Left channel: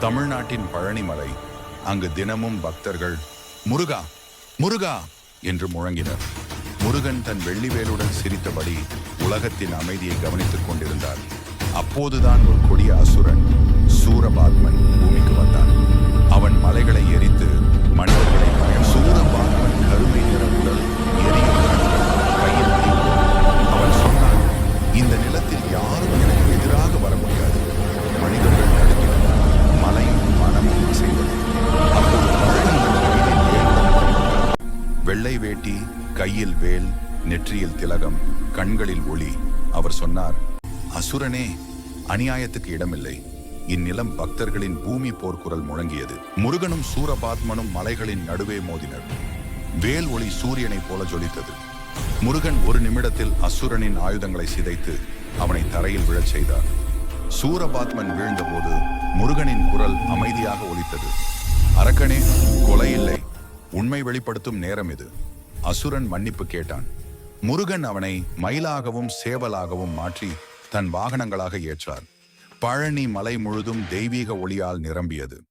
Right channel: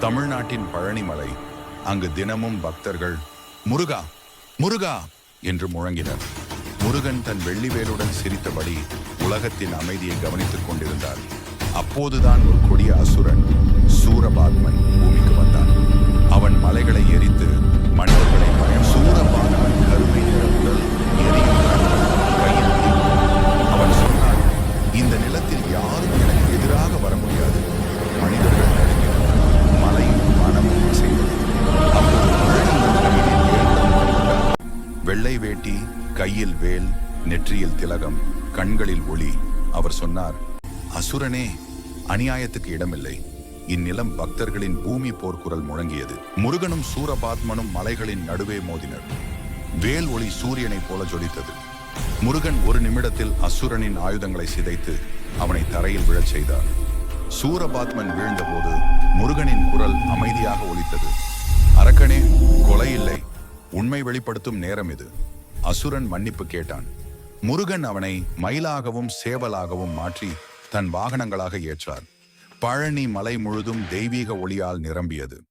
தமிழ்நாட்டின் பழனிமலை அங்கு தினமும் பக்தர்கள் முருகா முருகா என்று முழங்கினர். முருகன் தன் வெள்ளிவேலுடன் சிரித்தபடி உலகத்தின் அமைதியை கவனித்துக் கொண்டிருந்தார். அப்போதுதான் ஒரு கொடிய அசுரன் சூரபாத்மன் பூமிக்கு வந்தான். அவன் மலைகளை எரித்து மனிதர்களை பயம் சூரபாத்மன் கருமை நிற உடல் எரியும் கண்கள் கையில் அவன் சொன்னான் இந்த நிலத்தில் யாரும் எனக்கு எதிராக வர முடியாது. வெள்ளை வேட்டி கையில் வேல் நெற்றியில் திலகம் கண்களில் ஒளி. அவர் சொன்னார் அசுரனே அநியாயத்துக்கு இடமில்லை. இந்நிலம் பக்தர்களின் பூமி போர்க்குரல் முழங்கியது. முருகனும் சூரபாத்மனும் மலைகளின் நடுவே மோதினர். வேல் ஒளி சூரியனைப் போல ஜொலித்தது. முருகன் ஒரு நிமிடத்தில் அசுரனின் ஆயுதங்களை சிதைத்து அவனை தரையில் விழச் செய்தார். சூரபாத்மன் வீழ்ந்தபோது முருகனின் குரல் அமைதியாக ஒலித்தது. அரக்கனே கொலை இல்லை. உண்மை வெளிப்படுத்தும் நேரம் இது. அசுரன் மன்னிப்பு கேட்டான். முருகன் அவனை மயிலாகவும் சேவலாகவும் மாற்றி தன் வாகனங்களாக ஏற்றார். பழனி மலை முழுதும் தெய்வீக ஒளியால் நிரம்பியது.